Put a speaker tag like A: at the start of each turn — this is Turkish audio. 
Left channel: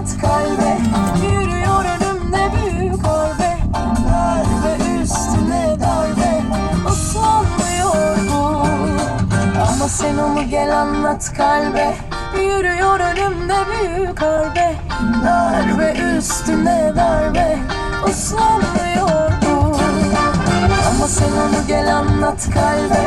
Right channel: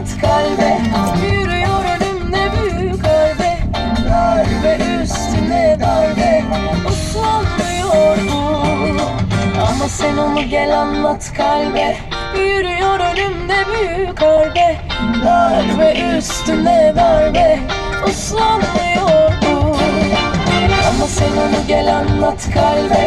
A: at kalbe
B: Yürüyor önümde büyük harbe
A: Darbe üstüne darbe
B: Uslanmıyor bu
A: Ama sen onu gel anlat kalbe
B: Yürüyor önümde büyük harbe
A: Darbe üstüne darbe
B: Uslanmıyor bu
A: Ama sen onu gel anlat kalbe